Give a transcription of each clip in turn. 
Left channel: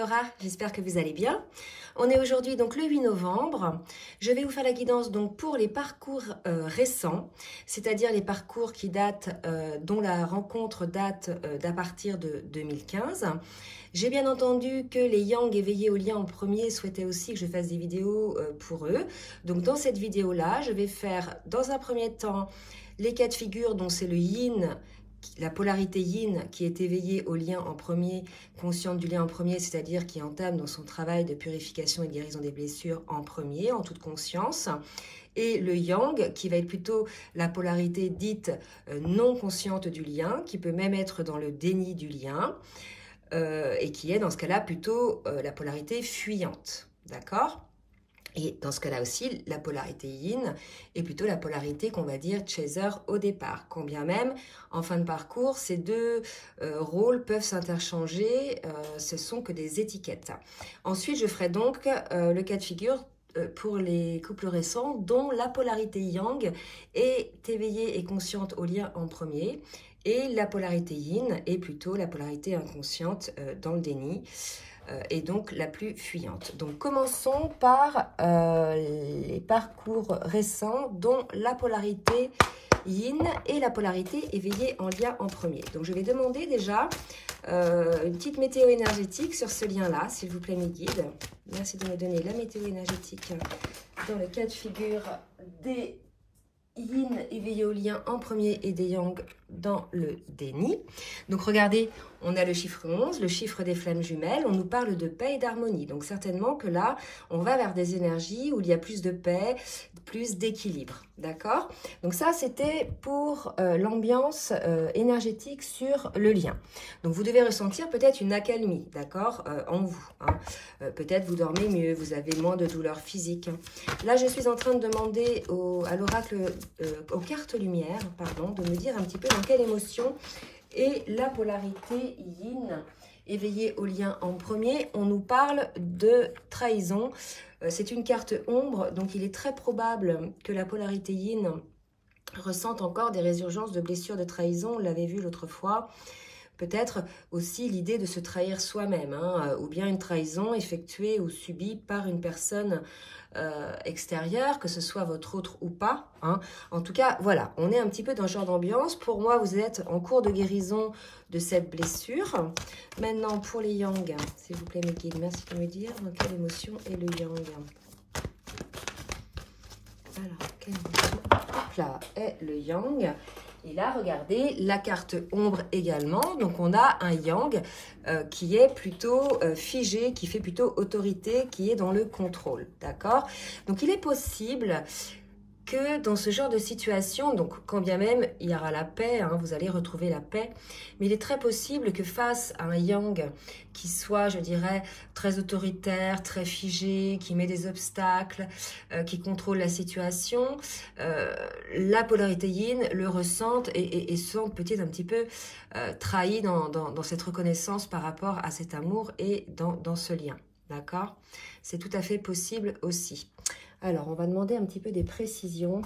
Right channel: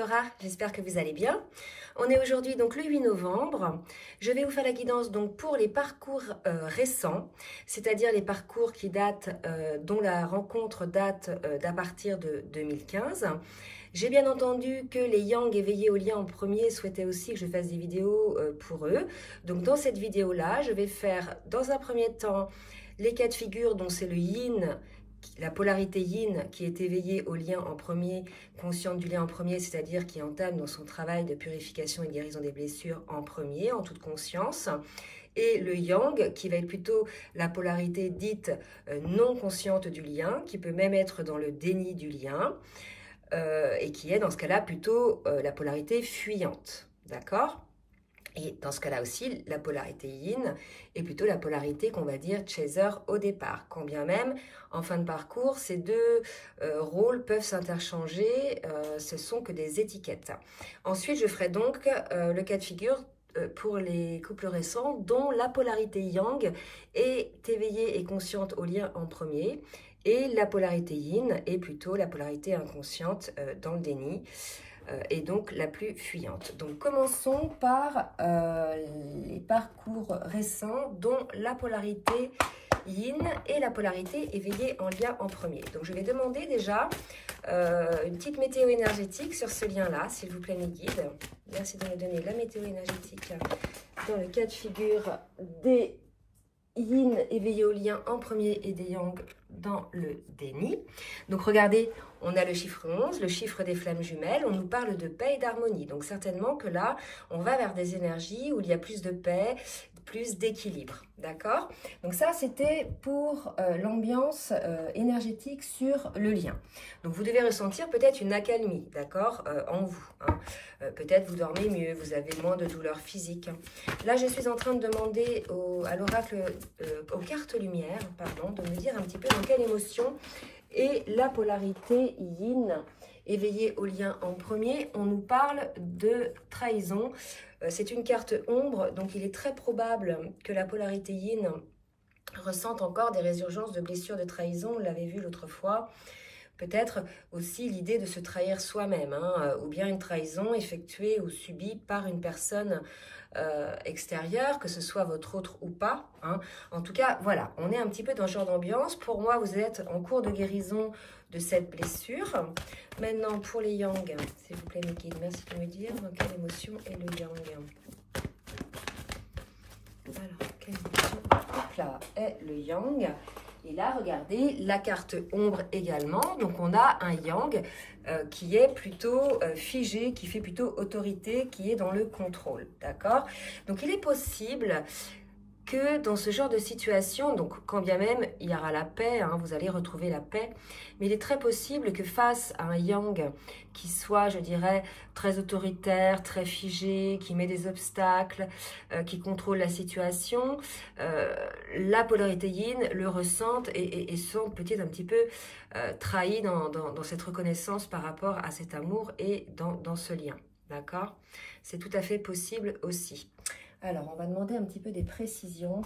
Laura, j'espère que vous allez bien. On est aujourd'hui donc le 8 novembre. Je vais vous faire la guidance donc pour les parcours récents, c'est-à-dire les parcours qui datent, dont la rencontre date d'à partir de 2015. J'ai bien entendu que les Yang éveillés au lien en premier souhaitaient aussi que je fasse des vidéos pour eux. Donc dans cette vidéo-là, je vais faire dans un premier temps les cas de figure dont c'est le Yin, la polarité Yin qui est éveillée au lien en premier, consciente du lien en premier, c'est-à-dire qui entame dans son travail de purification et de guérison des blessures en premier, en toute conscience. Et le Yang, qui va être plutôt la polarité dite non consciente du lien, qui peut même être dans le déni du lien, et qui est dans ce cas-là plutôt la polarité fuyante. D'accord ? Et dans ce cas-là aussi, la polarité yin est plutôt la polarité qu'on va dire chaser au départ. Quand bien même, en fin de parcours, ces deux rôles peuvent s'interchanger, ce sont que des étiquettes. Ensuite, je ferai donc le cas de figure pour les couples récents dont la polarité yang est éveillée et consciente au lien en premier et la polarité yin est plutôt la polarité inconsciente dans le déni. Et donc la plus fuyante. Donc commençons par les parcours récents dont la polarité yin et la polarité éveillée en lien en premier. Donc je vais demander déjà une petite météo énergétique sur ce lien-là, s'il vous plaît mes guides. Merci de me donner la météo énergétique dans le cas de figure des yin éveillé au lien en premier et des yang dans le déni. Donc regardez, on a le chiffre 11, le chiffre des flammes jumelles, on nous parle de paix et d'harmonie. Donc certainement que là, on va vers des énergies où il y a plus de paix, plus d'équilibre. D'accord? Donc ça, c'était pour l'ambiance énergétique sur le lien. Donc vous devez ressentir peut-être une accalmie, d'accord, en vous. Hein. Peut-être vous dormez mieux, vous avez moins de douleurs physiques. Là, je suis en train de demander à l'oracle, aux cartes lumière, pardon, de me dire un petit peu dans quelle émotion est la polarité yin éveillée au lien en premier. On nous parle de trahison. C'est une carte ombre, donc il est très probable que la polarité yin ressente encore des résurgences de blessures de trahison. On l'avait vu l'autre fois. Peut-être aussi l'idée de se trahir soi-même, hein, ou bien une trahison effectuée ou subie par une personne extérieure, que ce soit votre autre ou pas. Hein. En tout cas, voilà, on est un petit peu dans ce genre d'ambiance. Pour moi, vous êtes en cours de guérison de cette blessure. Maintenant, pour les yang, s'il vous plaît, mes guides, merci de me dire dans quelle émotion est le yang. Alors, quelle émotion là est le yang. Et là, regardez, la carte ombre également. Donc, on a un yang qui est plutôt figé, qui fait plutôt autorité, qui est dans le contrôle. D'accord? Donc, il est possible que dans ce genre de situation, donc quand bien même il y aura la paix, hein, vous allez retrouver la paix, mais il est très possible que face à un yang qui soit, je dirais, très autoritaire, très figé, qui met des obstacles, qui contrôle la situation, la polarité yin le ressente et se sente peut-être un petit peu trahi dans cette reconnaissance par rapport à cet amour et dans ce lien. D'accord? C'est tout à fait possible aussi. Alors, on va demander un petit peu des précisions.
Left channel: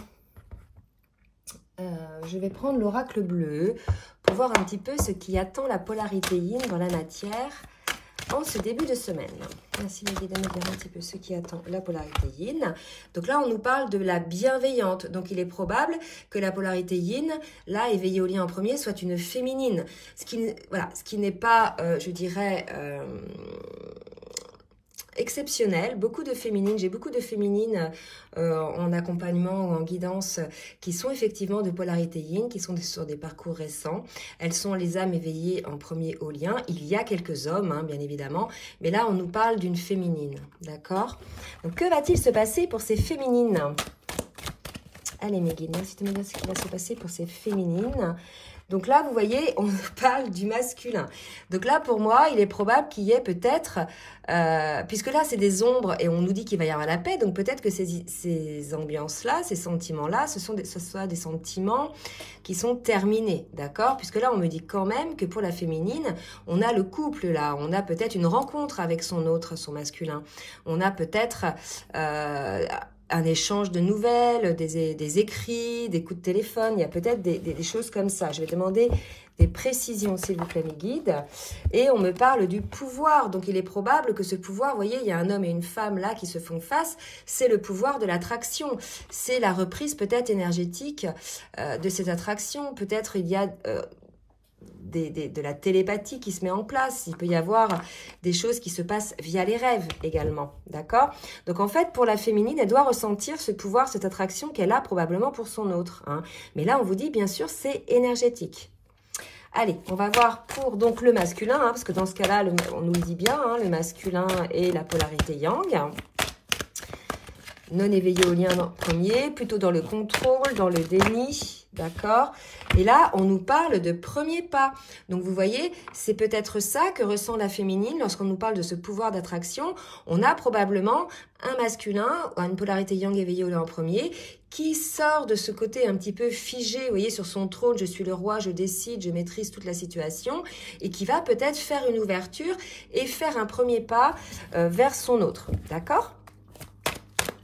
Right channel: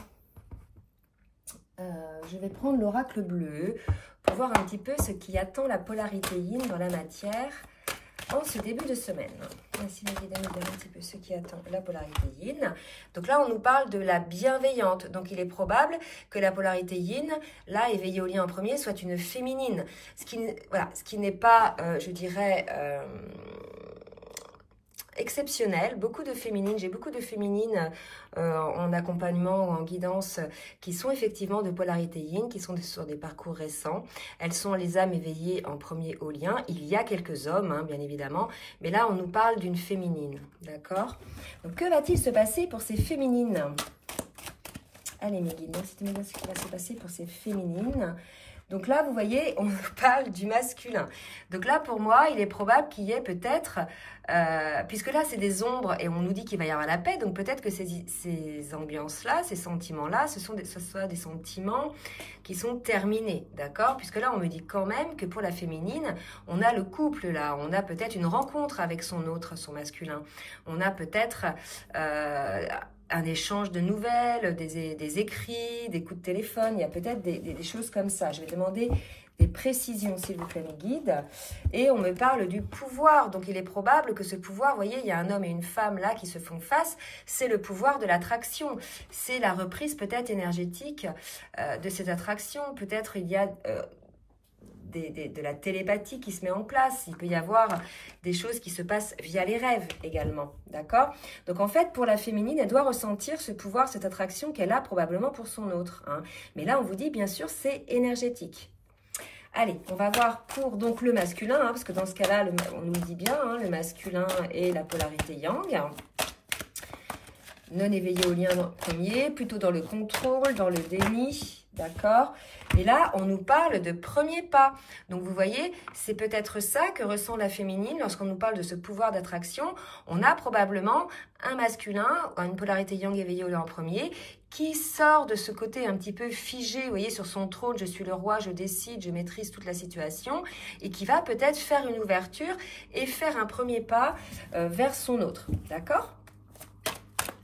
Je vais prendre l'oracle bleu pour voir un petit peu ce qui attend la polarité yin dans la matière en ce début de semaine. Merci, mes guides, de me dire un petit peu ce qui attend la polarité yin. Donc là, on nous parle de la bienveillante. Donc, il est probable que la polarité yin, là, éveillée au lien en premier, soit une féminine. Ce qui n'est pas, je dirais... exceptionnel, beaucoup de féminines, j'ai beaucoup de féminines en accompagnement ou en guidance qui sont effectivement de polarité yin, qui sont sur des parcours récents. Elles sont les âmes éveillées en premier au lien. Il y a quelques hommes, hein, bien évidemment, mais là on nous parle d'une féminine, d'accord? Donc que va-t-il se passer pour ces féminines? Allez mes guides, merci de me dire ce qui va se passer pour ces féminines. Donc là, vous voyez, on parle du masculin. Donc là, pour moi, il est probable qu'il y ait peut-être, puisque là, c'est des ombres et on nous dit qu'il va y avoir la paix, donc peut-être que ces ambiances-là, ces sentiments-là, ce soit des sentiments qui sont terminés, d'accord? Puisque là, on me dit quand même que pour la féminine, on a le couple là, on a peut-être une rencontre avec son autre, son masculin. On a peut-être un échange de nouvelles, des écrits, des coups de téléphone. Il y a peut-être des choses comme ça. Je vais demander des précisions, s'il vous plaît, mes guides. Et on me parle du pouvoir. Donc, il est probable que ce pouvoir, vous voyez, il y a un homme et une femme là qui se font face. C'est le pouvoir de l'attraction. C'est la reprise peut-être énergétique de cette attraction. Peut-être il y a... de la télépathie qui se met en place. Il peut y avoir des choses qui se passent via les rêves également, d'accord? Donc en fait, pour la féminine, elle doit ressentir ce pouvoir, cette attraction qu'elle a probablement pour son autre. Hein. Mais là, on vous dit, bien sûr, c'est énergétique. Allez, on va voir pour donc le masculin, hein, parce que dans ce cas-là, on nous le dit bien, hein, le masculin et la polarité yang. Non éveillé au lien premier, plutôt dans le contrôle, dans le déni, d'accord? Et là, on nous parle de premier pas. Donc, vous voyez, c'est peut-être ça que ressent la féminine lorsqu'on nous parle de ce pouvoir d'attraction. On a probablement un masculin, une polarité yang éveillée au lien premier, qui sort de ce côté un petit peu figé, vous voyez, sur son trône, je suis le roi, je décide, je maîtrise toute la situation, et qui va peut-être faire une ouverture et faire un premier pas vers son autre, d'accord?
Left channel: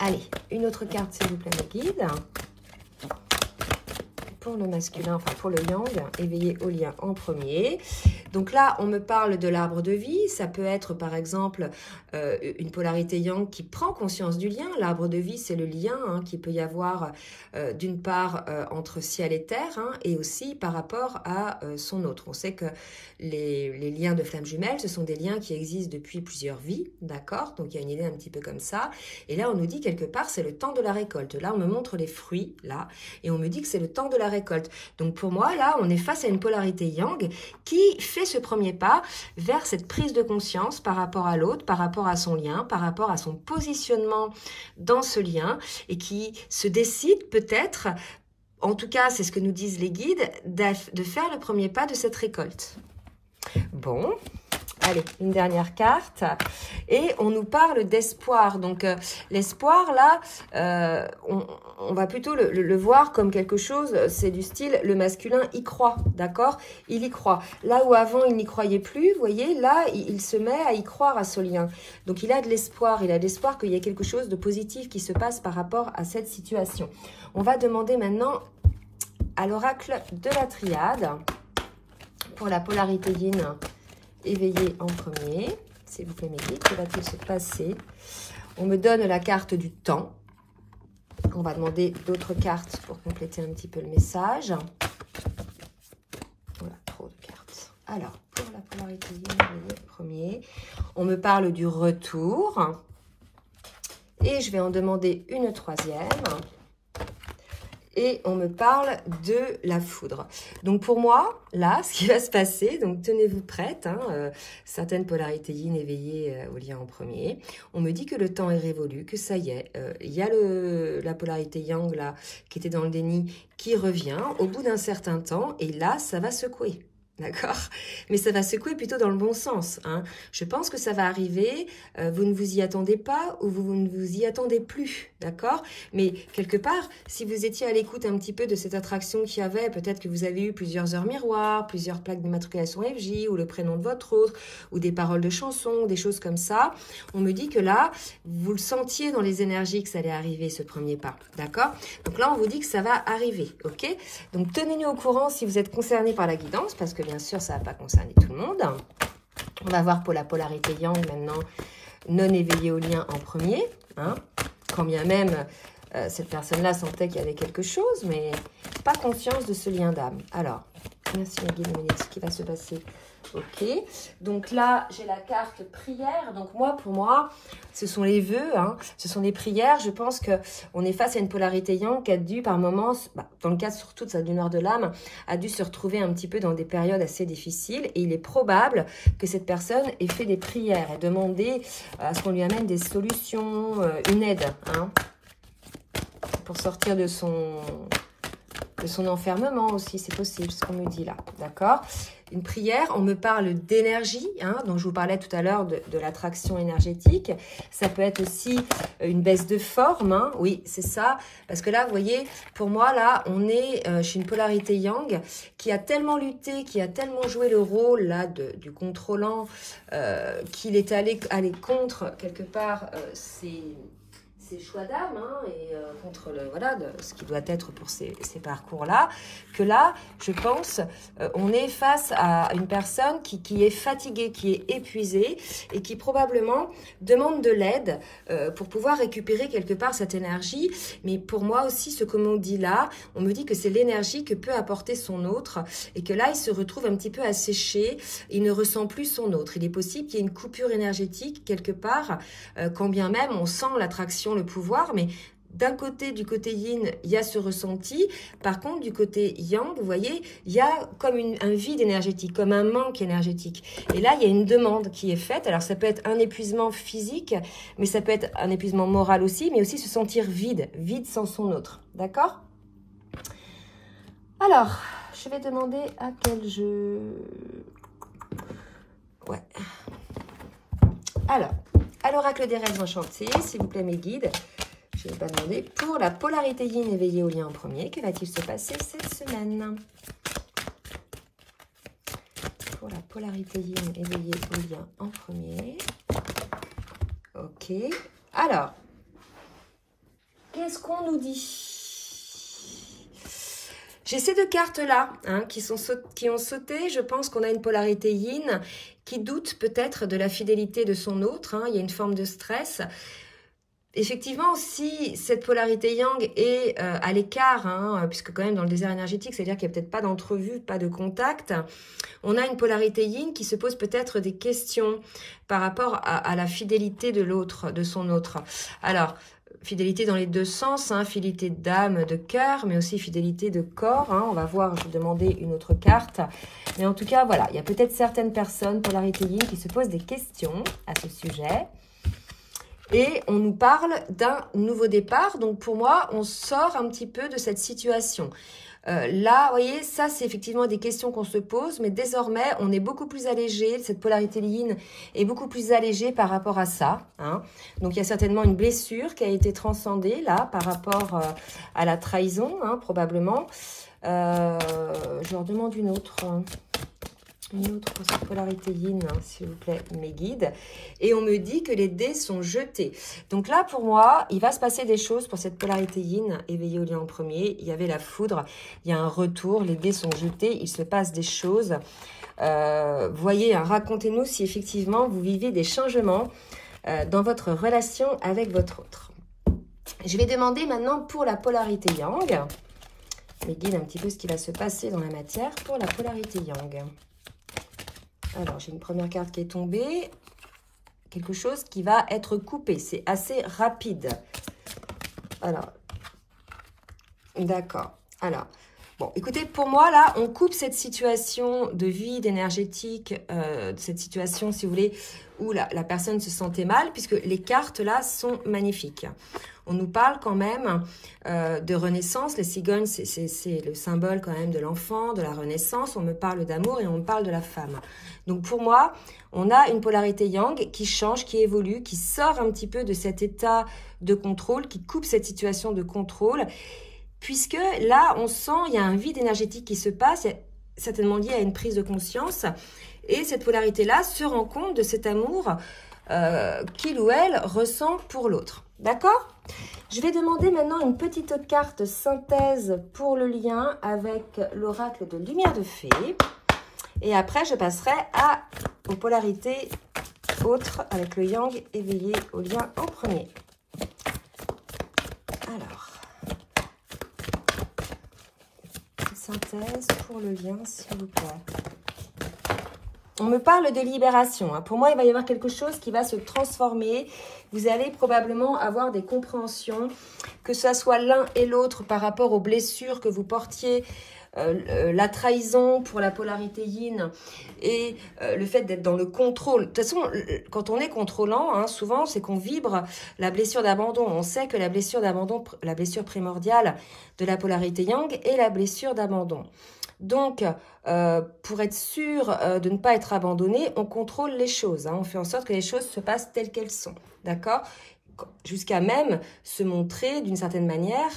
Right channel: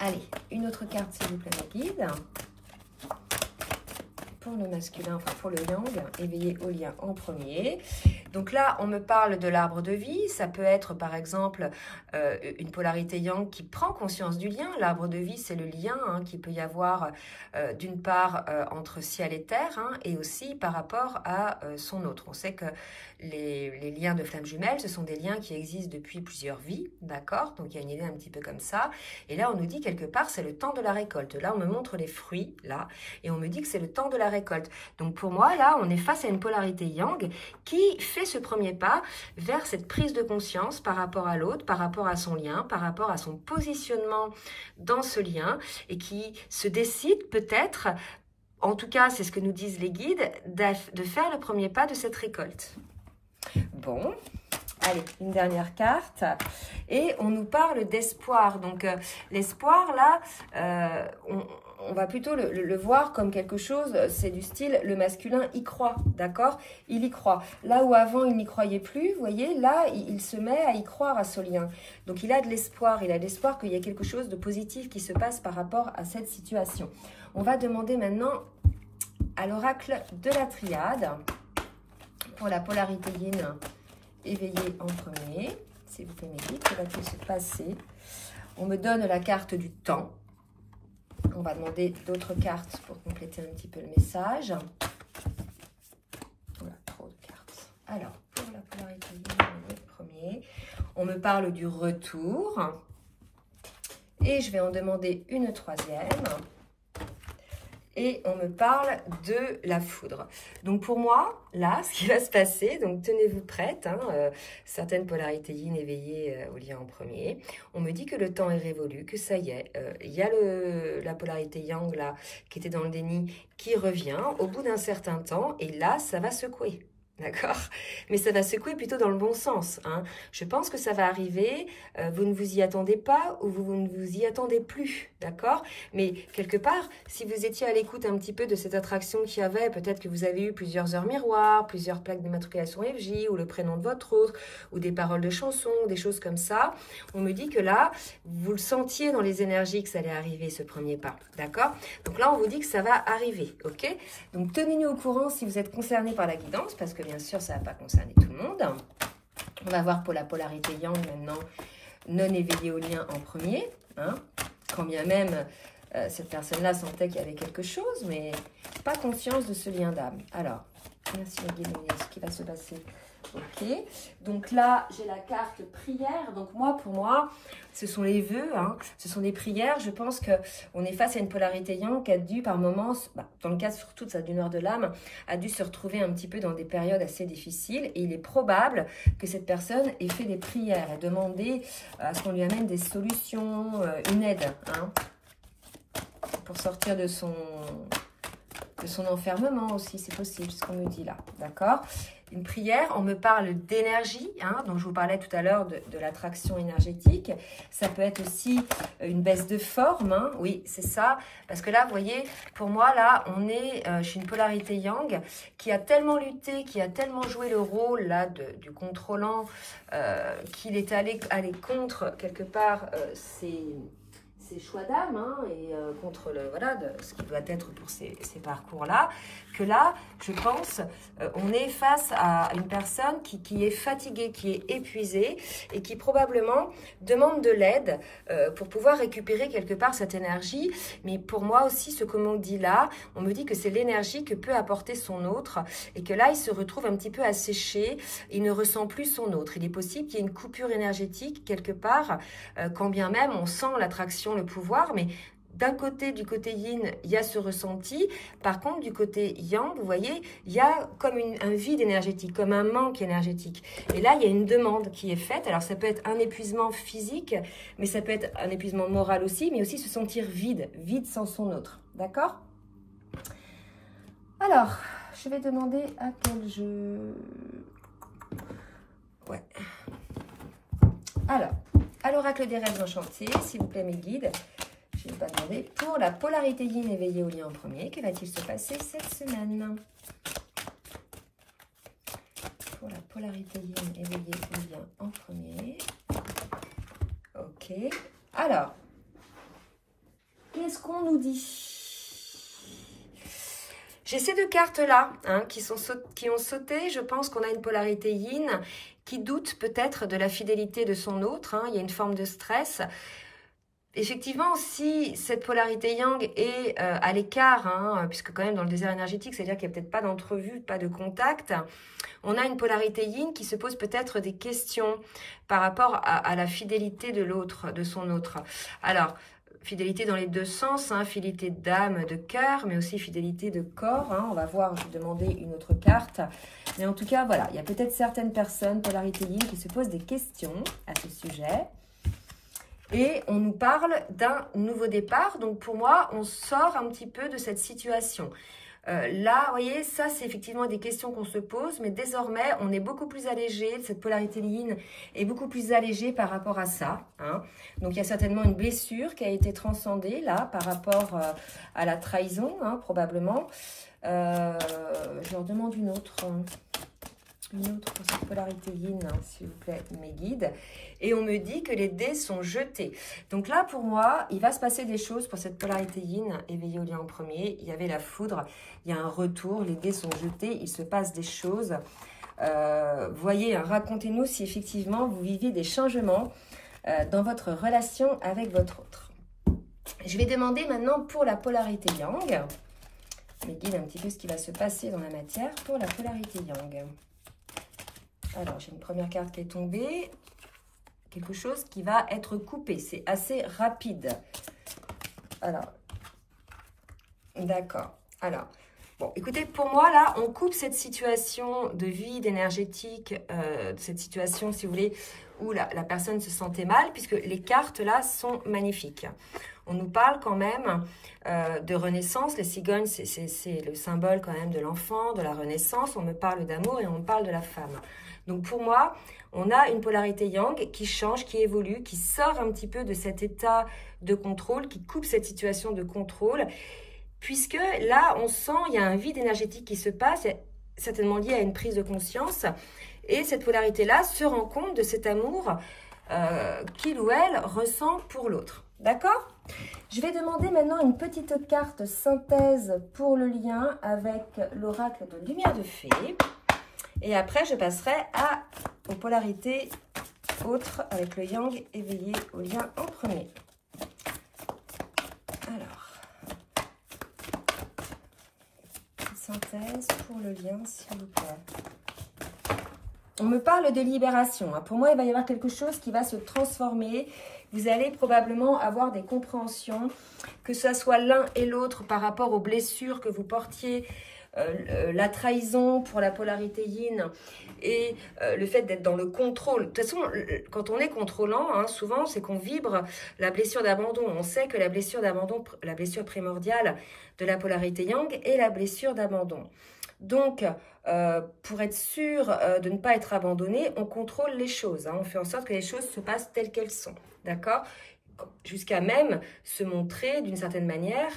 Allez, une autre carte, s'il vous plaît, mes guides. Pour le masculin, enfin pour le yang, éveillé au lien en premier. Donc là, on me parle de l'arbre de vie. Ça peut être, par exemple, une polarité yang qui prend conscience du lien. L'arbre de vie, c'est le lien hein, qu'il peut y avoir d'une part entre ciel et terre hein, et aussi par rapport à son autre. On sait que les liens de flammes jumelles, ce sont des liens qui existent depuis plusieurs vies, d'accord? Donc, il y a une idée un petit peu comme ça. Et là, on nous dit quelque part, c'est le temps de la récolte. Là, on me montre les fruits, là, et on me dit que c'est le temps de la récolte. Donc, pour moi, là, on est face à une polarité yang qui fait ce premier pas vers cette prise de conscience par rapport à l'autre, par rapport à son lien, par rapport à son positionnement dans ce lien, et qui se décide peut-être, en tout cas, c'est ce que nous disent les guides, de faire le premier pas de cette récolte. Bon, allez, une dernière carte. Et on nous parle d'espoir. Donc, l'espoir, là, on va plutôt le voir comme quelque chose, c'est du style, le masculin y croit, d'accord? Il y croit. Là où avant, il n'y croyait plus, vous voyez, là, il se met à y croire à ce lien. Donc, il a de l'espoir. Il a de l'espoir qu'il y ait quelque chose de positif qui se passe par rapport à cette situation. On va demander maintenant à l'oracle de la triade pour la polarité yin éveillée en premier. S'il vous plaît, mes guides, que va-t-il se passer? On me donne la carte du temps. On va demander d'autres cartes pour compléter un petit peu le message. Voilà, trop de cartes. Alors, pour la polarité yin éveillée en premier, on me parle du retour. Et je vais en demander une troisième. Et on me parle de la foudre. Donc pour moi, là, ce qui va se passer, donc tenez-vous prête, hein, certaines polarités yin éveillées au lien en premier. On me dit que le temps est révolu, que ça y est, il y a la polarité yang là, qui était dans le déni, qui revient au bout d'un certain temps, et là, ça va secouer. D'accord? Mais ça va secouer plutôt dans le bon sens. Hein. Je pense que ça va arriver, vous ne vous y attendez pas ou vous ne vous y attendez plus. D'accord? Mais quelque part, si vous étiez à l'écoute un petit peu de cette attraction qu'il y avait, peut-être que vous avez eu plusieurs heures miroirs, plusieurs plaques d'immatriculation FJ ou le prénom de votre autre, ou des paroles de chansons, des choses comme ça. On me dit que là, vous le sentiez dans les énergies que ça allait arriver, ce premier pas. D'accord? Donc là, on vous dit que ça va arriver. Ok? Donc tenez-nous au courant si vous êtes concerné par la guidance, parce que bien sûr, ça ne va pas concerner tout le monde. On va voir pour la polarité yang maintenant, non éveillée au lien en premier. Hein, quand bien même cette personne-là sentait qu'il y avait quelque chose, mais pas conscience de ce lien d'âme. Alors, merci ma guide, ce qui va se passer. Ok, donc là, j'ai la carte prière. Donc moi, pour moi, ce sont les vœux, hein, ce sont les prières. Je pense qu'on est face à une polarité yang qui a dû, par moments, dans le cas surtout de sa du nord de l'âme, a dû se retrouver un petit peu dans des périodes assez difficiles. Et il est probable que cette personne ait fait des prières et demandé à ce qu'on lui amène des solutions, une aide, hein, pour sortir de son enfermement aussi, c'est possible, ce qu'on me dit là, d'accord? Une prière, on me parle d'énergie, hein, dont je vous parlais tout à l'heure de l'attraction énergétique. Ça peut être aussi une baisse de forme, hein, oui, c'est ça. Parce que là, vous voyez, pour moi, là, on est chez une polarité yang qui a tellement lutté, qui a tellement joué le rôle là du contrôlant, qu'il est allé contre, quelque part, ses ses choix d'âme hein, et contre voilà, ce qui doit être pour ces parcours-là, que là, je pense, on est face à une personne qui est fatiguée, qui est épuisée et qui probablement demande de l'aide pour pouvoir récupérer quelque part cette énergie. Mais pour moi aussi, ce que l'on dit là, on me dit que c'est l'énergie que peut apporter son autre et que là, il se retrouve un petit peu asséché, il ne ressent plus son autre. Il est possible qu'il y ait une coupure énergétique quelque part, quand bien même on sent l'attraction, le pouvoir, mais d'un côté, du côté yin, il y a ce ressenti. Par contre, du côté yang, vous voyez, il y a comme un vide énergétique, comme un manque énergétique. Et là, il y a une demande qui est faite. Alors, ça peut être un épuisement physique, mais ça peut être un épuisement moral aussi, mais aussi se sentir vide, vide sans son autre. D'accord? Alors, je vais demander à quel jeu... Ouais. Alors, à l'oracle des rêves enchantés, s'il vous plaît, mes guides, je vais pas demander pour la polarité yin éveillée au lien en premier. Que va-t-il se passer cette semaine? Pour la polarité yin éveillée au lien en premier. Ok. Alors, qu'est-ce qu'on nous dit? J'ai ces deux cartes-là hein, qui ont sauté. Je pense qu'on a une polarité yin qui doute peut-être de la fidélité de son autre. Hein. Il y a une forme de stress. Effectivement, si cette polarité yang est à l'écart, hein, puisque quand même dans le désert énergétique, c'est-à-dire qu'il n'y a peut-être pas d'entrevue, pas de contact, on a une polarité yin qui se pose peut-être des questions par rapport à la fidélité de l'autre, de son autre. Alors, fidélité dans les deux sens, hein, fidélité d'âme, de cœur, mais aussi fidélité de corps. Hein, on va voir, je vais demander une autre carte. Mais en tout cas, voilà, il y a peut-être certaines personnes, polarité yin, qui se posent des questions à ce sujet. Et on nous parle d'un nouveau départ. Donc, pour moi, on sort un petit peu de cette situation. Là, vous voyez, ça, c'est effectivement des questions qu'on se pose. Mais désormais, on est beaucoup plus allégé. Cette polarité yin est beaucoup plus allégée par rapport à ça. Hein. Donc, il y a certainement une blessure qui a été transcendée, là, par rapport à la trahison, hein, probablement. Je leur demande une autre... Une autre pour cette polarité yin, hein, s'il vous plaît, mes guides. Et on me dit que les dés sont jetés. Donc là, pour moi, il va se passer des choses pour cette polarité yin éveillée au lien en premier. Il y avait la foudre, il y a un retour, les dés sont jetés, il se passe des choses. Voyez, hein, racontez-nous si effectivement vous vivez des changements dans votre relation avec votre autre. Je vais demander maintenant pour la polarité yang. Mes guides, un petit peu ce qui va se passer dans la matière pour la polarité yang. Alors, j'ai une première carte qui est tombée. Quelque chose qui va être coupé. C'est assez rapide. Alors, d'accord. Alors, bon, écoutez, pour moi, là, on coupe cette situation de vide énergétique, cette situation, si vous voulez, où la personne se sentait mal, puisque les cartes, là, sont magnifiques. On nous parle quand même de renaissance. Les cigognes, c'est le symbole quand même de l'enfant, de la renaissance. On me parle d'amour et on me parle de la femme. Donc, pour moi, on a une polarité yang qui change, qui évolue, qui sort un petit peu de cet état de contrôle, qui coupe cette situation de contrôle, puisque là, on sent, il y a un vide énergétique qui se passe, certainement lié à une prise de conscience, et cette polarité-là se rend compte de cet amour qu'il ou elle ressent pour l'autre. D'accord ? Je vais demander maintenant une petite carte synthèse pour le lien avec l'oracle de lumière de fée. Et après, je passerai aux polarités autres avec le yang éveillé au lien en premier. Alors, synthèse pour le lien, s'il vous plaît. On me parle de libération. Hein. Pour moi, il va y avoir quelque chose qui va se transformer. Vous allez probablement avoir des compréhensions, que ce soit l'un et l'autre par rapport aux blessures que vous portiez, la trahison pour la polarité yin et le fait d'être dans le contrôle. De toute façon, quand on est contrôlant, hein, souvent, c'est qu'on vibre la blessure d'abandon. On sait que la blessure d'abandon, la blessure primordiale de la polarité yang est la blessure d'abandon. Donc, pour être sûr de ne pas être abandonné, on contrôle les choses. Hein, on fait en sorte que les choses se passent telles qu'elles sont. D'accord ? Jusqu'à même se montrer d'une certaine manière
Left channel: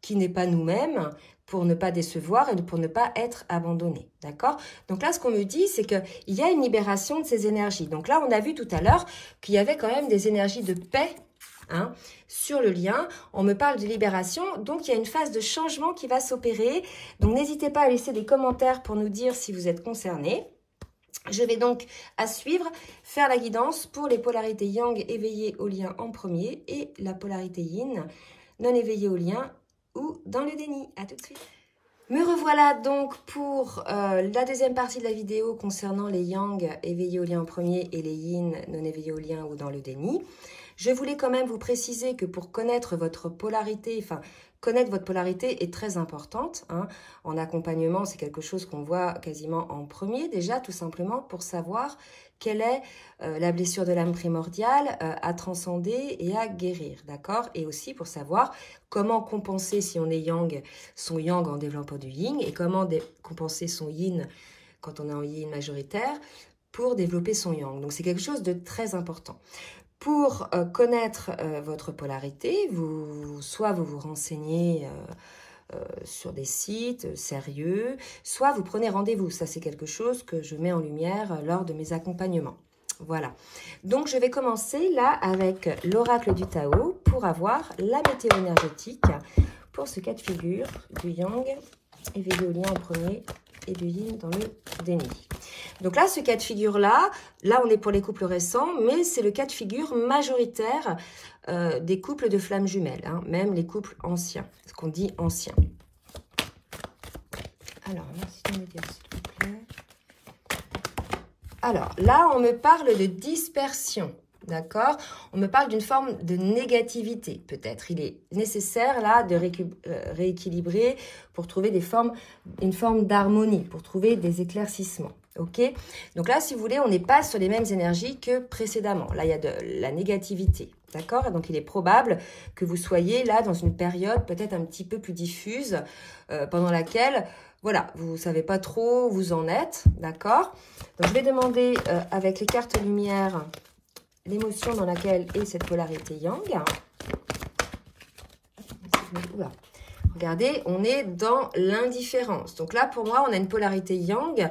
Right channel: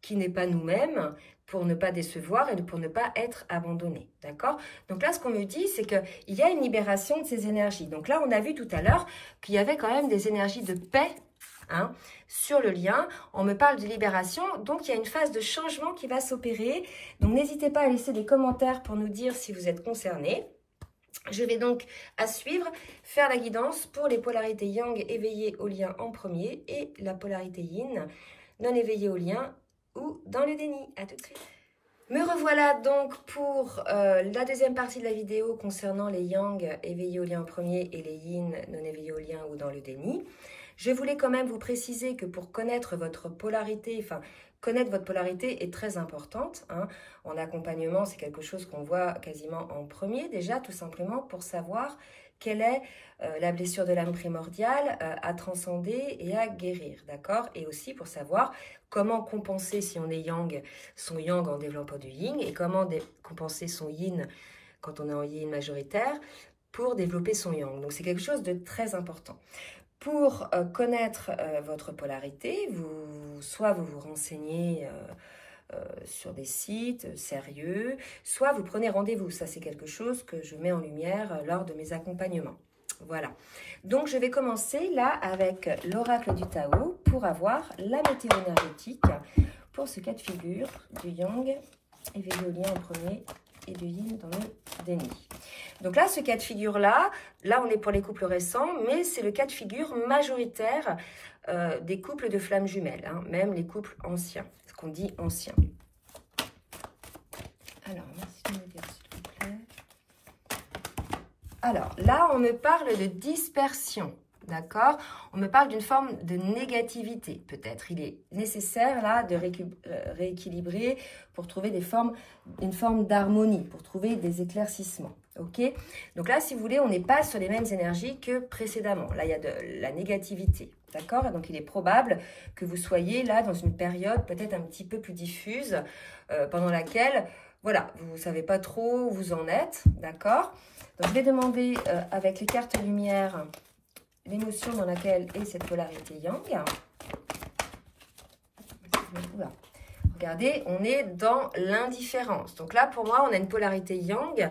qui n'est pas nous-mêmes, pour ne pas décevoir et pour ne pas être abandonné. D'accord? Donc là, ce qu'on me dit, c'est qu'il y a une libération de ces énergies. Donc là, on a vu tout à l'heure qu'il y avait quand même des énergies de paix hein, sur le lien. On me parle de libération, donc il y a une phase de changement qui va s'opérer. Donc n'hésitez pas à laisser des commentaires pour nous dire si vous êtes concernés. Je vais donc, à suivre, faire la guidance pour les polarités yang éveillées au lien en premier et la polarité yin non éveillée au lien ou dans le déni. À tout de suite. Me revoilà donc pour la deuxième partie de la vidéo concernant les yang éveillés au lien en premier et les yin non éveillés au lien ou dans le déni. Je voulais quand même vous préciser que pour connaître votre polarité, enfin, connaître votre polarité est très importante, hein. En accompagnement, c'est quelque chose qu'on voit quasiment en premier, déjà, tout simplement pour savoir quelle est la blessure de l'âme primordiale à transcender et à guérir, d'accord? Et aussi pour savoir comment compenser, si on est yang, son yang en développant du yin, et comment compenser son yin quand on est en yin majoritaire pour développer son yang. Donc, c'est quelque chose de très important. Pour connaître votre polarité, soit vous vous renseignez sur des sites sérieux, soit vous prenez rendez-vous. Ça, c'est quelque chose que je mets en lumière lors de mes accompagnements. Voilà. Donc, je vais commencer là avec l'oracle du Tao pour avoir la météo énergétique pour ce cas de figure du yang éveillé au lien en premier et du yin dans le déni. Donc là, ce cas de figure-là, on est pour les couples récents, mais c'est le cas de figure majoritaire des couples de flammes jumelles, hein, même les couples anciens, ce qu'on dit anciens. Alors, merci de me dire, s'il vous plaît. Alors, là, on me parle de dispersion, d'accord? On me parle d'une forme de négativité, peut-être. Il est nécessaire, là, de rééquilibrer pour trouver une forme d'harmonie, pour trouver des éclaircissements. Ok, donc là, si vous voulez, on n'est pas sur les mêmes énergies que précédemment. Là, il y a de la négativité, d'accord? Donc, il est probable que vous soyez là dans une période peut-être un petit peu plus diffuse, pendant laquelle, voilà, vous ne savez pas trop où vous en êtes, d'accord? Donc, je vais demander avec les cartes lumière l'émotion dans laquelle est cette polarité yang. Oula. Regardez, on est dans l'indifférence. Donc là, pour moi, on a une polarité yang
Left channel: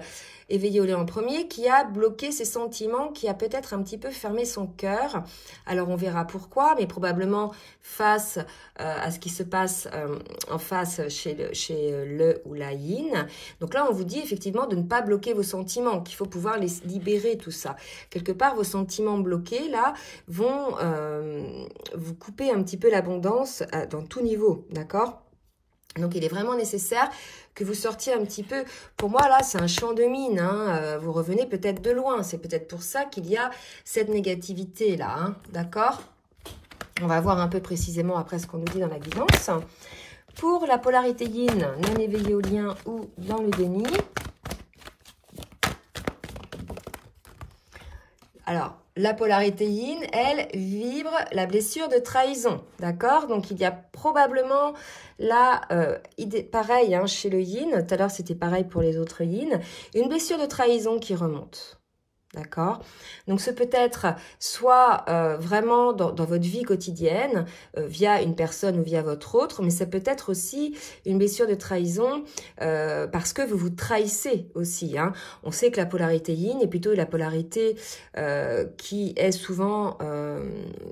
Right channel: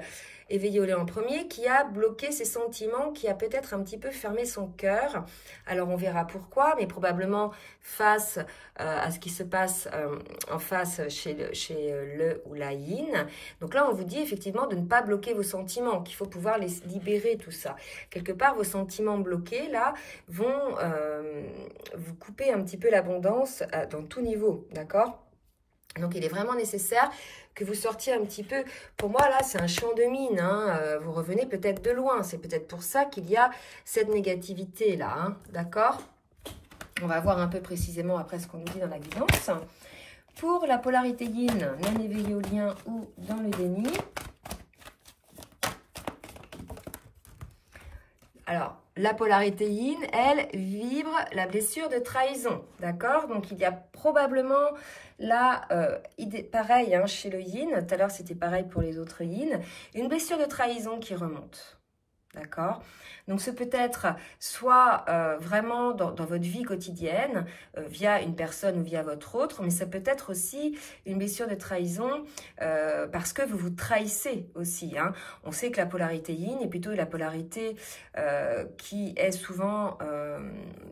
éveillé au lien en premier, qui a bloqué ses sentiments, qui a peut-être un petit peu fermé son cœur. Alors, on verra pourquoi, mais probablement face à ce qui se passe en face chez le ou la yin. Donc là, on vous dit effectivement de ne pas bloquer vos sentiments, qu'il faut pouvoir les libérer, tout ça. Quelque part, vos sentiments bloqués, là, vont vous couper un petit peu l'abondance dans tout niveau, d'accord? Donc, il est vraiment nécessaire que vous sortiez un petit peu. Pour moi, là, c'est un champ de mine, hein. Vous revenez peut-être de loin. C'est peut-être pour ça qu'il y a cette négativité-là, hein. D'accord? On va voir un peu précisément après ce qu'on nous dit dans la guidance. Pour la polarité yin, non éveillée au lien ou dans le déni. Alors, la polarité yin, elle, vibre la blessure de trahison, d'accord? Donc, il y a probablement là, pareil, hein, chez le yin, tout à l'heure, c'était pareil pour les autres yin, une blessure de trahison qui remonte, d'accord? Donc, ce peut être soit vraiment dans votre vie quotidienne, via une personne ou via votre autre, mais ça peut être aussi une blessure de trahison parce que vous vous trahissez aussi, hein. On sait que la polarité yin est plutôt la polarité qui est souvent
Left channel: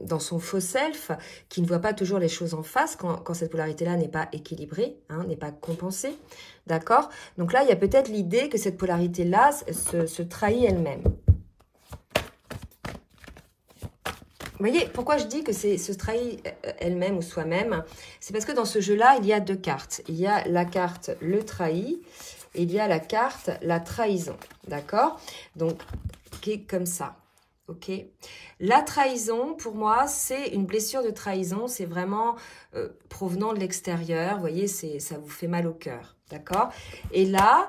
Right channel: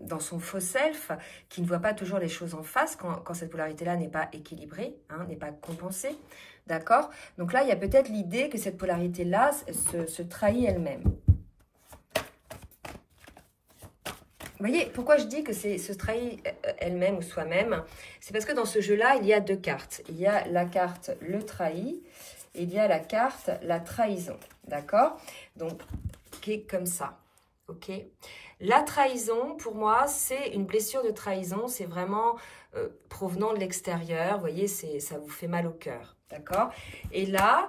dans son faux self, qui ne voit pas toujours les choses en face quand cette polarité-là n'est pas équilibrée, hein, n'est pas compensée, d'accord? Donc là, il y a peut-être l'idée que cette polarité-là se trahit elle-même. Vous voyez, pourquoi je dis que c'est se trahir elle-même ou soi-même? C'est parce que dans ce jeu-là, il y a deux cartes. Il y a la carte le trahi et il y a la carte la trahison. D'accord? Donc, qui est comme ça. Ok? La trahison, pour moi, c'est une blessure de trahison. C'est vraiment provenant de l'extérieur. Vous voyez, ça vous fait mal au cœur. D'accord? Et là,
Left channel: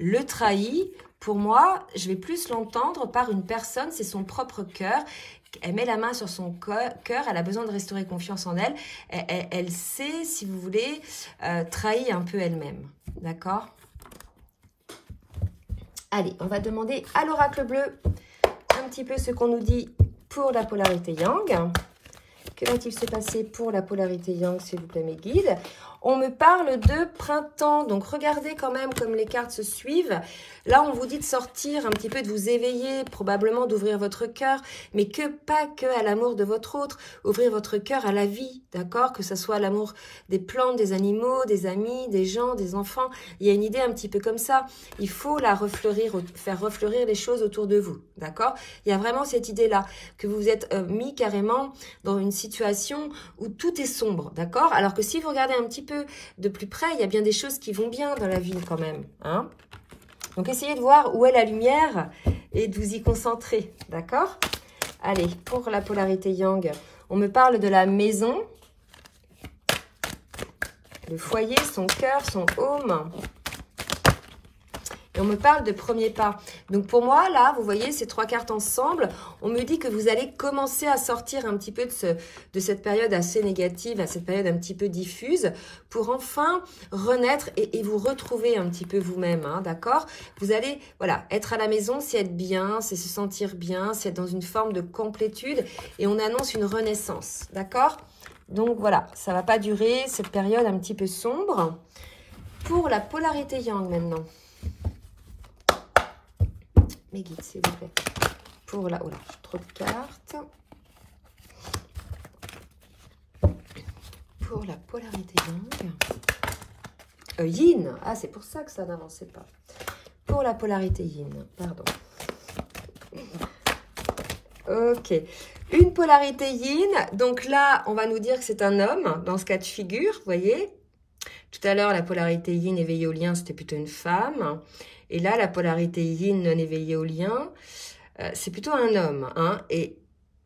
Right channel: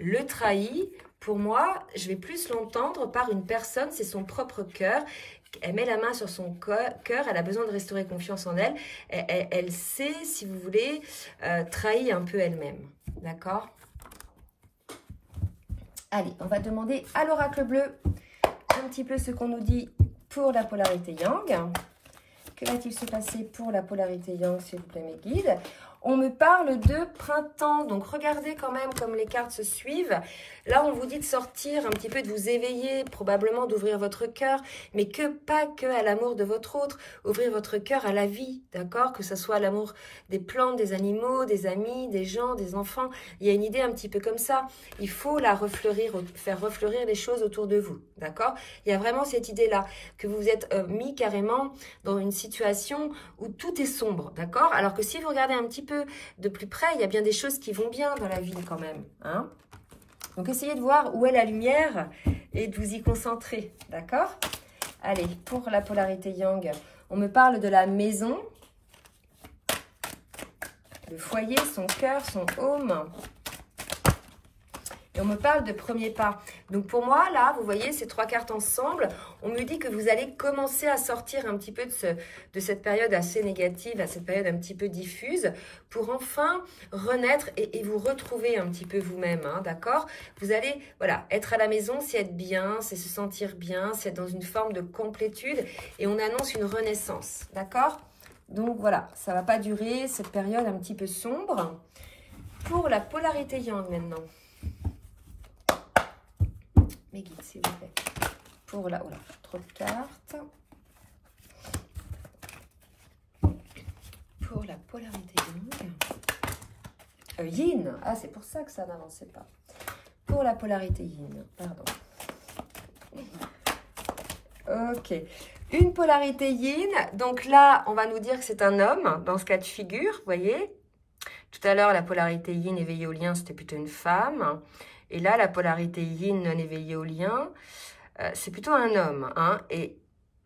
le trahi, pour moi, je vais plus l'entendre par une personne. C'est son propre cœur. Elle met la main sur son cœur, elle a besoin de restaurer confiance en elle. Elle sait, si vous voulez, trahir un peu elle-même. D'accord? Allez, on va demander à l'oracle bleu un petit peu ce qu'on nous dit pour la polarité yang. Que va-t-il se passer pour la polarité yang, s'il vous plaît, mes guides? On me parle de printemps, donc regardez quand même comme les cartes se suivent. Là, on vous dit de sortir un petit peu, de vous éveiller, probablement d'ouvrir votre cœur, mais pas que à l'amour de votre autre, ouvrir votre cœur à la vie, d'accord? Que ce soit l'amour des plantes, des animaux, des amis, des gens, des enfants. Il y a une idée un petit peu comme ça. Il faut la refleurir, faire refleurir les choses autour de vous, d'accord? Il y a vraiment cette idée-là, que vous vous êtes mis carrément dans une situation où tout est sombre, d'accord? Alors que si vous regardez un petit peu de plus près, il y a bien des choses qui vont bien dans la vie quand même, hein? Donc, essayez de voir où est la lumière et de vous y concentrer, d'accord? Allez, pour la polarité yang, on me parle de la maison, le foyer, son cœur, son home. Et on me parle de premier pas. Donc, pour moi, là, vous voyez ces 3 cartes ensemble, on me dit que vous allez commencer à sortir un petit peu de cette période assez négative, à cette période un petit peu diffuse, pour enfin renaître et vous retrouver un petit peu vous-même, hein, d'accord? Vous allez, voilà, être à la maison, c'est être bien, c'est se sentir bien, c'est être dans une forme de complétude, et on annonce une renaissance, d'accord? Donc, voilà, ça ne va pas durer, cette période un petit peu sombre. Pour la polarité yang, maintenant. Mes guides, s'il vous plaît. Pour la... Oh là, trop de cartes. Pour la polarité yang. Yin. Ah, c'est pour ça que ça n'avançait pas. Pour la polarité yin. Pardon. Ok. Une polarité yin. Donc là, on va nous dire que c'est un homme dans ce cas de figure. Vous voyez? Tout à l'heure, la polarité yin éveillée au lien, c'était plutôt une femme. Et là, la polarité yin non éveillée au lien, c'est plutôt un homme, hein. Et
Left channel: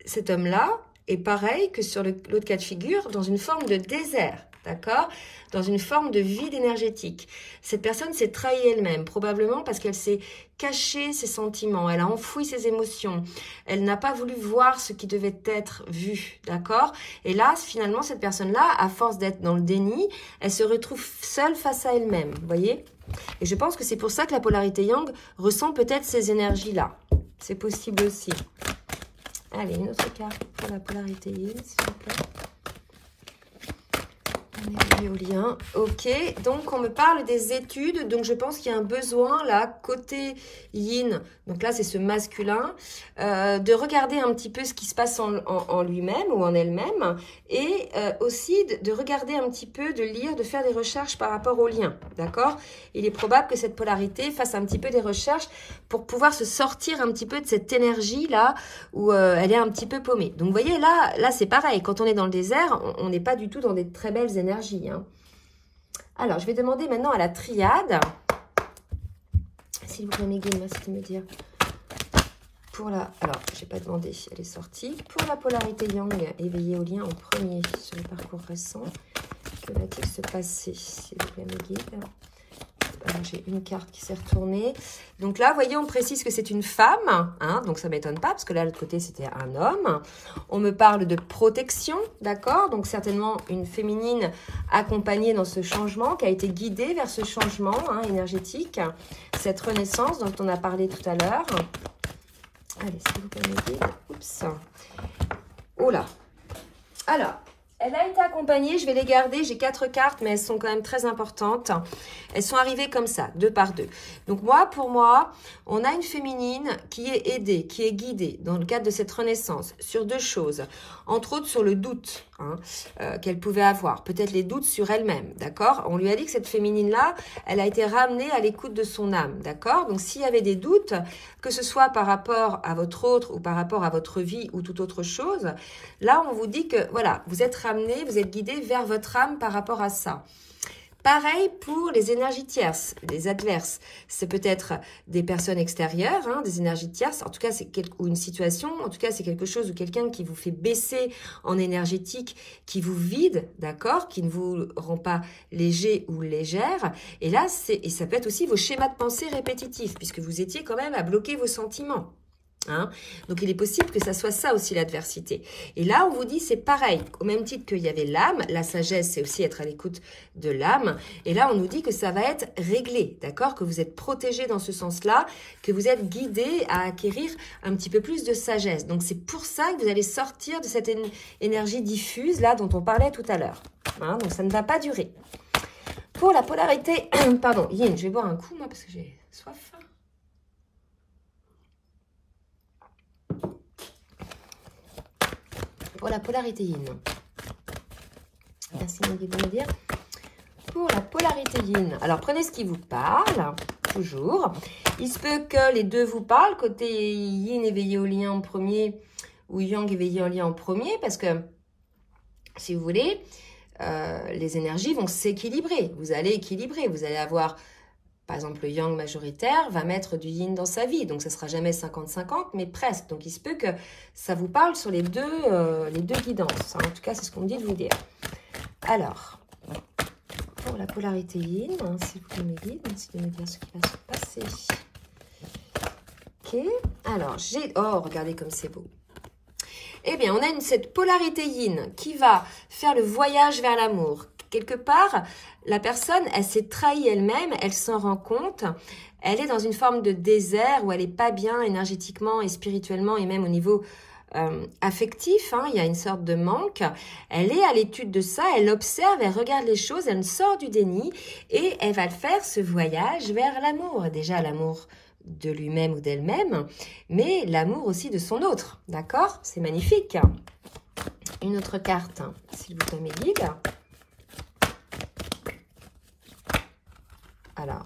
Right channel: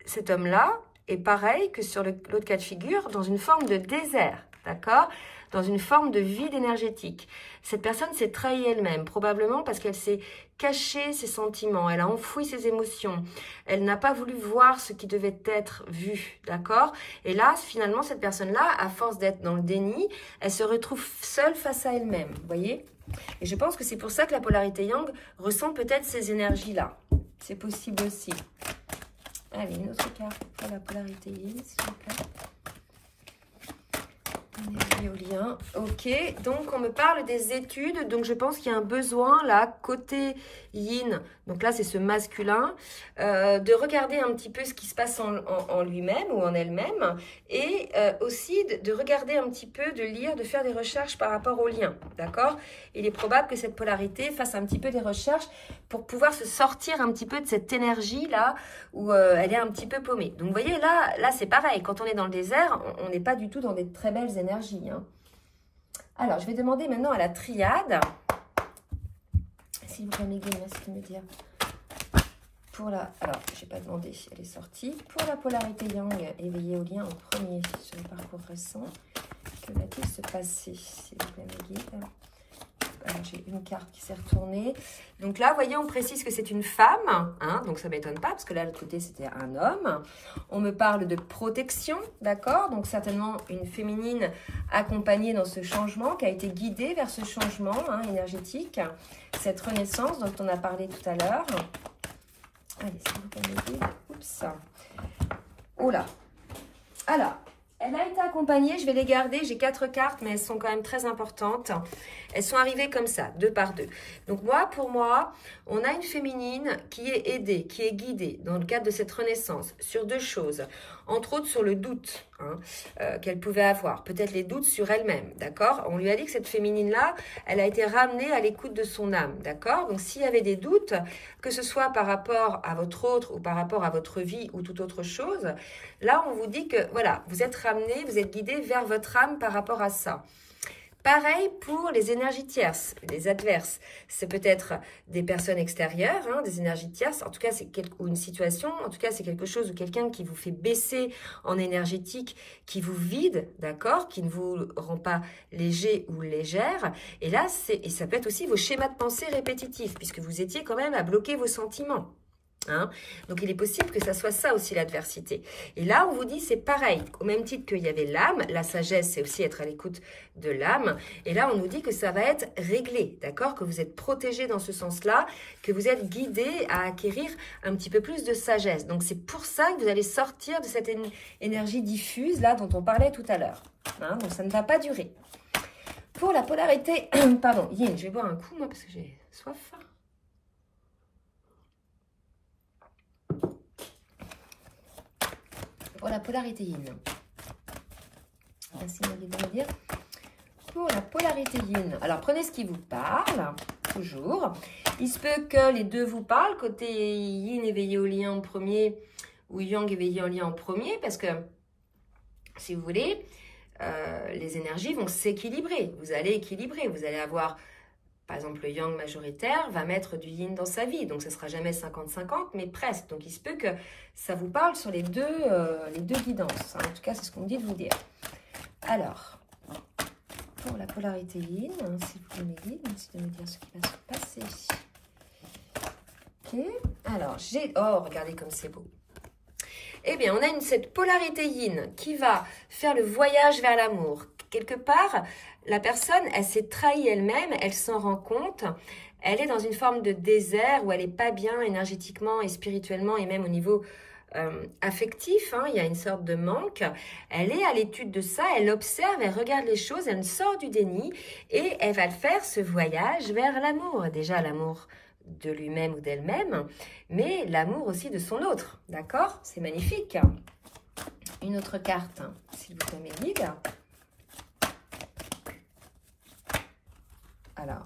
cet homme-là est pareil que sur l'autre cas de figure, dans une forme de désert, d'accord? Dans une forme de vide énergétique. Cette personne s'est trahie elle-même, probablement parce qu'elle s'est caché ses sentiments, elle a enfoui ses émotions, elle n'a pas voulu voir ce qui devait être vu, d'accord? Et là, finalement, cette personne-là, à force d'être dans le déni, elle se retrouve seule face à elle-même, vous voyez? Et je pense que c'est pour ça que la polarité yang ressent peut-être ces énergies-là. C'est possible aussi. Allez, une autre carte pour la polarité yin, s'il vous plaît. On est lié au lien. Ok, donc on me parle des études. Donc je pense qu'il y a un besoin là, côté yin, donc là c'est ce masculin, de regarder un petit peu ce qui se passe en lui-même ou en elle-même. Et aussi de regarder un petit peu, de lire, de faire des recherches par rapport au lien. D'accord? Il est probable que cette polarité fasse un petit peu des recherches pour pouvoir se sortir un petit peu de cette énergie-là où elle est un petit peu paumée. Donc, vous voyez, là c'est pareil. Quand on est dans le désert, on n'est pas du tout dans des très belles énergies, hein. Alors, je vais demander maintenant à la triade. S'il vous plaît, mes guides, merci de me dire. Pour la... Alors, je n'ai pas demandé, elle est sortie. Pour la polarité yang, éveillée au lien en premier sur le parcours récent, que va-t-il se passer, s'il vous plaît, mes guides? J'ai une carte qui s'est retournée. Donc là, vous voyez, on précise que c'est une femme, hein, donc ça ne m'étonne pas, parce que là, de l'autre côté, c'était un homme. On me parle de protection, d'accord? Donc certainement une féminine accompagnée dans ce changement, qui a été guidée vers ce changement, hein, énergétique, cette renaissance dont on a parlé tout à l'heure. Allez, s'il vous plaît, mes guides. Oups. Oh là. Alors, elle a été accompagnée, je vais les garder, j'ai 4 cartes, mais elles sont quand même très importantes. Elles sont arrivées comme ça, 2 par 2. Donc pour moi, on a une féminine qui est aidée, qui est guidée dans le cadre de cette renaissance sur 2 choses. Entre autres sur le doute, hein, qu'elle pouvait avoir, peut-être les doutes sur elle-même, d'accord? On lui a dit que cette féminine-là, elle a été ramenée à l'écoute de son âme, d'accord? Donc s'il y avait des doutes, que ce soit par rapport à votre autre ou par rapport à votre vie ou toute autre chose, là on vous dit que voilà, vous êtes ramené, vous êtes guidé vers votre âme par rapport à ça. Pareil pour les énergies tierces, les adverses. C'est peut-être des personnes extérieures, hein, des énergies tierces. En tout cas, c'est ou une situation. En tout cas, c'est quelque chose ou quelqu'un qui vous fait baisser en énergétique, qui vous vide, d'accord, qui ne vous rend pas léger ou légère. Et là, et ça peut être aussi vos schémas de pensée répétitifs, puisque vous étiez quand même à bloquer vos sentiments. Hein? Donc, il est possible que ça soit ça aussi l'adversité. Et là, on vous dit, c'est pareil. Au même titre qu'il y avait l'âme, la sagesse, c'est aussi être à l'écoute de l'âme. Et là, on nous dit que ça va être réglé, d'accord? Que vous êtes protégé dans ce sens-là, que vous êtes guidé à acquérir un petit peu plus de sagesse. Donc, c'est pour ça que vous allez sortir de cette énergie diffuse, là, dont on parlait tout à l'heure. Hein? Donc, ça ne va pas durer. Pour la polarité, pardon, yin, je vais boire un coup, moi, parce que j'ai soif. Pour la polarité yin. Merci Maggie de me dire. Pour la polarité yin. Alors, prenez ce qui vous parle, toujours. Il se peut que les deux vous parlent, côté yin éveillé au lien en premier, ou yang éveillé en lien en premier, parce que, si vous voulez, les énergies vont s'équilibrer. Vous allez équilibrer, vous allez avoir... Par exemple, le yang majoritaire va mettre du yin dans sa vie. Donc, ce ne sera jamais 50-50, mais presque. Donc, il se peut que ça vous parle sur les deux guidances. En tout cas, c'est ce qu'on me dit de vous dire. Alors, pour la polarité yin, s'il vous plaît, mes guides, merci de me dire ce qui va se passer. Ok. Alors, oh, regardez comme c'est beau. Eh bien, on a cette polarité yin qui va faire le voyage vers l'amour. Quelque part, la personne, elle s'est trahie elle-même, elle s'en rend compte. Elle est dans une forme de désert où elle n'est pas bien énergétiquement et spirituellement et même au niveau affectif. Hein, il y a une sorte de manque. Elle est à l'étude de ça, elle observe, elle regarde les choses, elle sort du déni et elle va faire ce voyage vers l'amour. Déjà, l'amour de lui-même ou d'elle-même, mais l'amour aussi de son autre. D'accord? C'est magnifique. Une autre carte, s'il vous plaît, mes guides. Alors,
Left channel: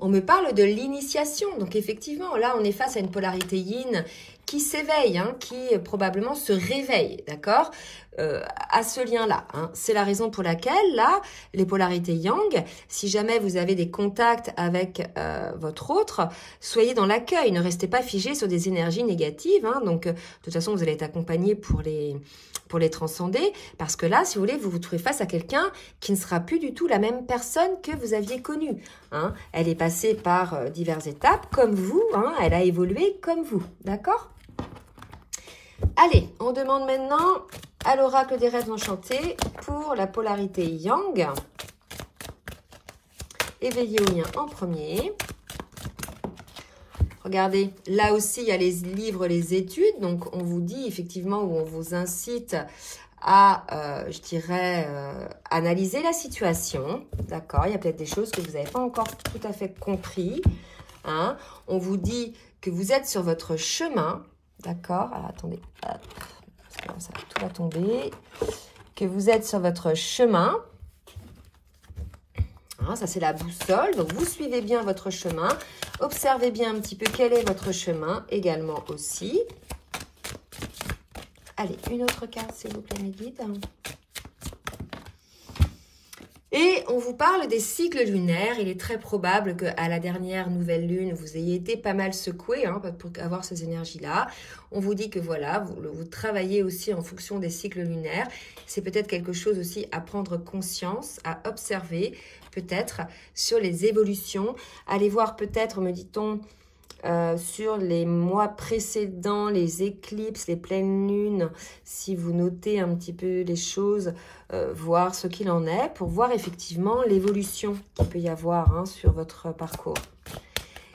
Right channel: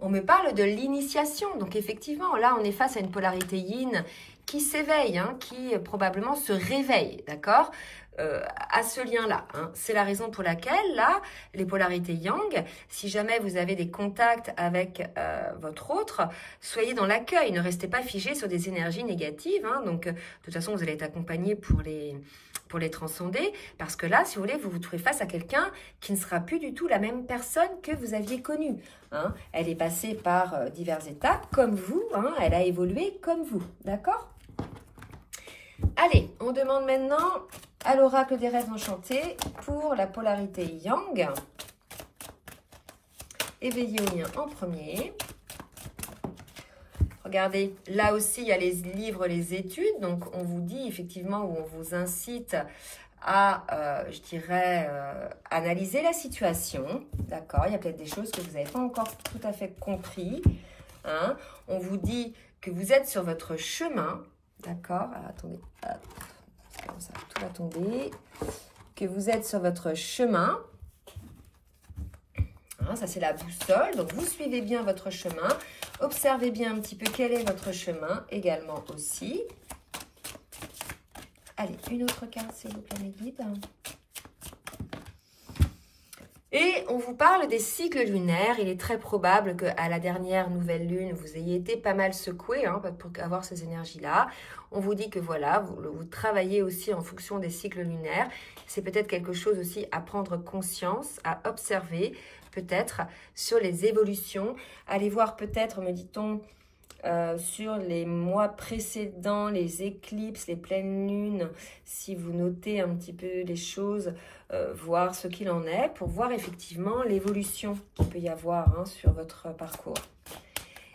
on me parle de l'initiation. Donc, effectivement, là, on est face à une polarité yin qui s'éveille, hein, qui probablement se réveille, d'accord, à ce lien-là. Hein. C'est la raison pour laquelle, là, les polarités yang, si jamais vous avez des contacts avec votre autre, soyez dans l'accueil. Ne restez pas figé sur des énergies négatives. Hein. Donc, de toute façon, vous allez être accompagné pour les transcender. Parce que là, si vous voulez, vous vous trouvez face à quelqu'un qui ne sera plus du tout la même personne que vous aviez connue. Hein. Elle est passée par diverses étapes, comme vous. Hein. Elle a évolué comme vous. D'accord ? Allez, on demande maintenant à l'oracle des rêves enchantés pour la polarité yang. Éveillé au lien en premier. Regardez, là aussi, il y a les livres, les études. Donc, on vous dit effectivement, ou on vous incite à, je dirais, analyser la situation. D'accord, il y a peut-être des choses que vous n'avez pas encore tout à fait compris. Hein. On vous dit que vous êtes sur votre chemin. D'accord, alors attendez, hop, ça tout va tomber. Que vous êtes sur votre chemin. Hein, ça, c'est la boussole. Donc, vous suivez bien votre chemin. Observez bien un petit peu quel est votre chemin également aussi. Allez, une autre carte, s'il vous plaît, mes guides. Et on vous parle des cycles lunaires. Il est très probable qu'à la dernière nouvelle lune, vous ayez été pas mal secoué hein, pour avoir ces énergies-là. On vous dit que voilà, vous travaillez aussi en fonction des cycles lunaires. C'est peut-être quelque chose aussi à prendre conscience, à observer peut-être sur les évolutions. Allez voir peut-être, me dit-on, sur les mois précédents, les éclipses, les pleines lunes, si vous notez un petit peu les choses, voir ce qu'il en est, pour voir effectivement l'évolution qu'il peut y avoir hein, sur votre parcours.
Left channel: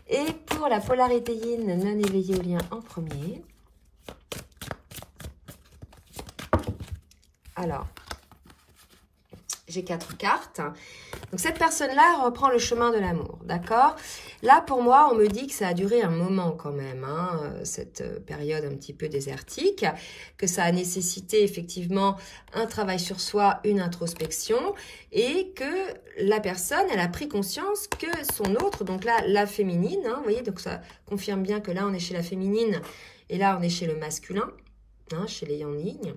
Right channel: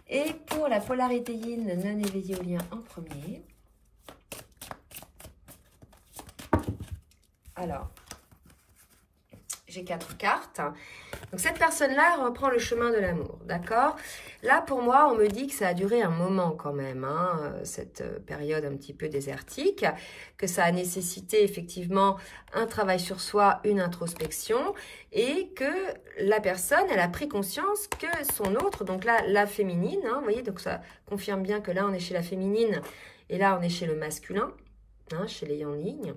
Et pour la polarité yin non éveillée au lien en premier. Alors, j'ai 4 cartes. Donc, cette personne-là reprend le chemin de l'amour, d'accord? Là, pour moi, on me dit que ça a duré un moment quand même, hein, cette période un petit peu désertique, que ça a nécessité effectivement un travail sur soi, une introspection, et que la personne, elle a pris conscience que son autre, donc là, la féminine, hein, vous voyez, donc ça confirme bien que là, on est chez la féminine, et là, on est chez le masculin, hein, chez les yang yin.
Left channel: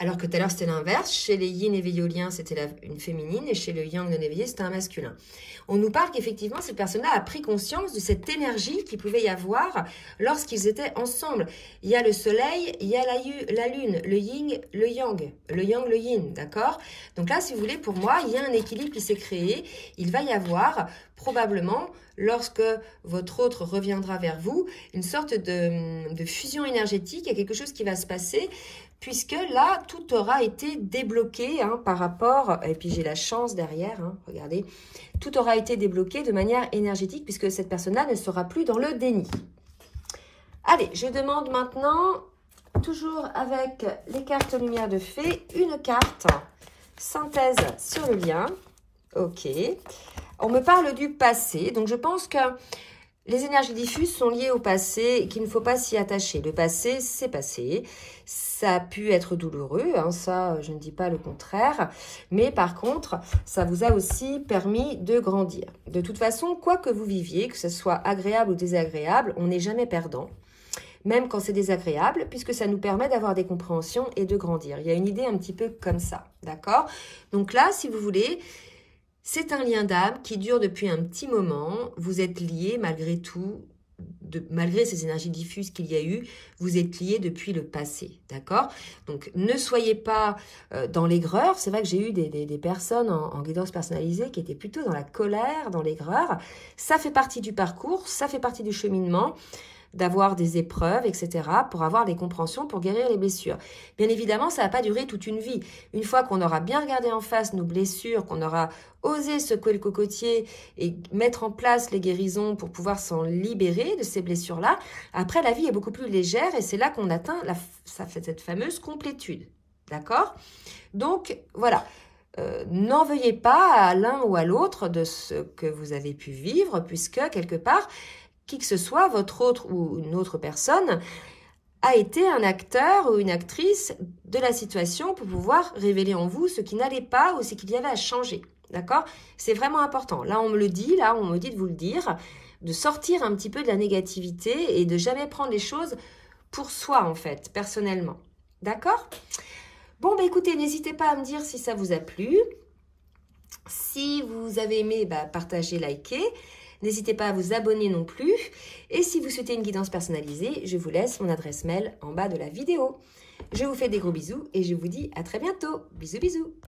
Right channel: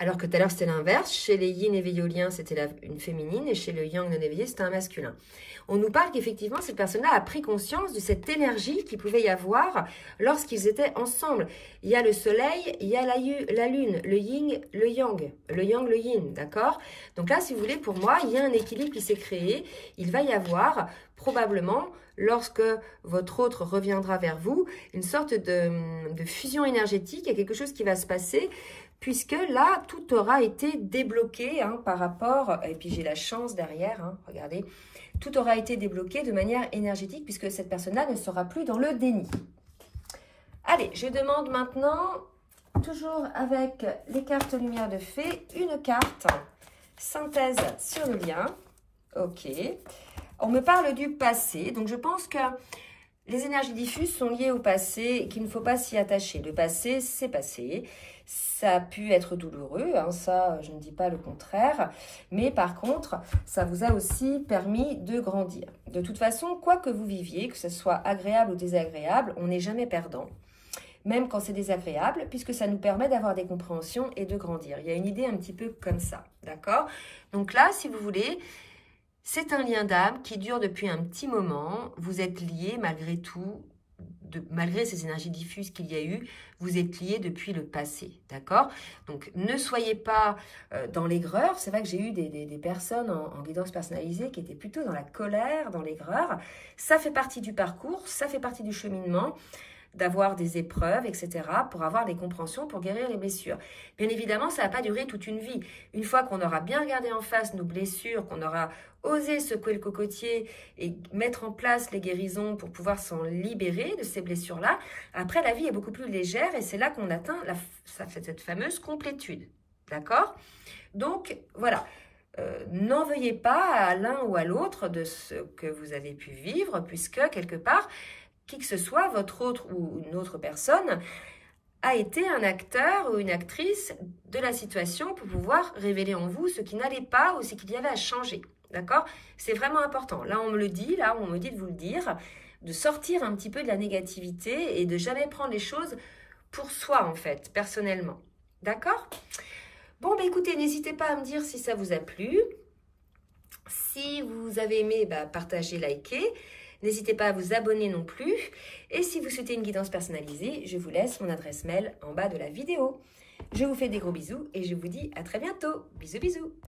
Alors que tout à l'heure, c'était l'inverse. Chez les yin éveilloliens, c'était une féminine et chez le yang non éveillé, c'était un masculin. On nous parle qu'effectivement, cette personne-là a pris conscience de cette énergie qu'il pouvait y avoir lorsqu'ils étaient ensemble. Il y a le soleil, il y a la lune, le yin, le yang, le yin, d'accord? Donc là, si vous voulez, pour moi, il y a un équilibre qui s'est créé. Il va y avoir probablement, lorsque votre autre reviendra vers vous, une sorte de fusion énergétique. Il y a quelque chose qui va se passer, puisque là, tout aura été débloqué par rapport, et puis j'ai la chance derrière, regardez, tout aura été débloqué de manière énergétique, puisque cette personne-là ne sera plus dans le déni. Allez, je demande maintenant, toujours avec les cartes lumière de fée, une carte synthèse sur le lien. Ok. On me parle du passé, donc je pense que les énergies diffuses sont liées au passé et qu'il ne faut pas s'y attacher. Le passé, c'est passé. Ça a pu être douloureux, ça, je ne dis pas le contraire. Mais par contre, ça vous a aussi permis de grandir. De toute façon, quoi que vous viviez, que ce soit agréable ou désagréable, on n'est jamais perdant. Même quand c'est désagréable, puisque ça nous permet d'avoir des compréhensions et de grandir. Il y a une idée un petit peu comme ça, d'accord? Donc là, si vous voulez, c'est un lien d'âme qui dure depuis un petit moment. Vous êtes liés malgré tout, malgré ces énergies diffuses qu'il y a eu, vous êtes liés depuis le passé, d'accord? Donc, ne soyez pas dans l'aigreur. C'est vrai que j'ai eu des personnes en guidance personnalisée qui étaient plutôt dans la colère, dans l'aigreur. Ça fait partie du parcours, ça fait partie du cheminement, d'avoir des épreuves, etc., pour avoir des compréhensions, pour guérir les blessures. Bien évidemment, ça ne va pas durer toute une vie. Une fois qu'on aura bien regardé en face nos blessures, qu'on aura osé secouer le cocotier et mettre en place les guérisons pour pouvoir s'en libérer de ces blessures-là, après, la vie est beaucoup plus légère et c'est là qu'on atteint cette fameuse complétude. D'accord? Donc, voilà. N'en veuillez pas à l'un ou à l'autre de ce que vous avez pu vivre, puisque, quelque part, qui que ce soit, votre autre ou une autre personne, a été un acteur ou une actrice de la situation pour pouvoir révéler en vous ce qui n'allait pas ou ce qu'il y avait à changer. D'accord? C'est vraiment important. Là, on me le dit, là, on me dit de vous le dire, de sortir un petit peu de la négativité et de jamais prendre les choses pour soi, en fait, personnellement. D'accord? Bon, bah écoutez, n'hésitez pas à me dire si ça vous a plu. Si vous avez aimé, bah, partagez, likez. N'hésitez pas à vous abonner non plus. Et si vous souhaitez une guidance personnalisée, je vous laisse mon adresse mail en bas de la vidéo. Je vous fais des gros bisous et je vous dis à très bientôt. Bisous, bisous.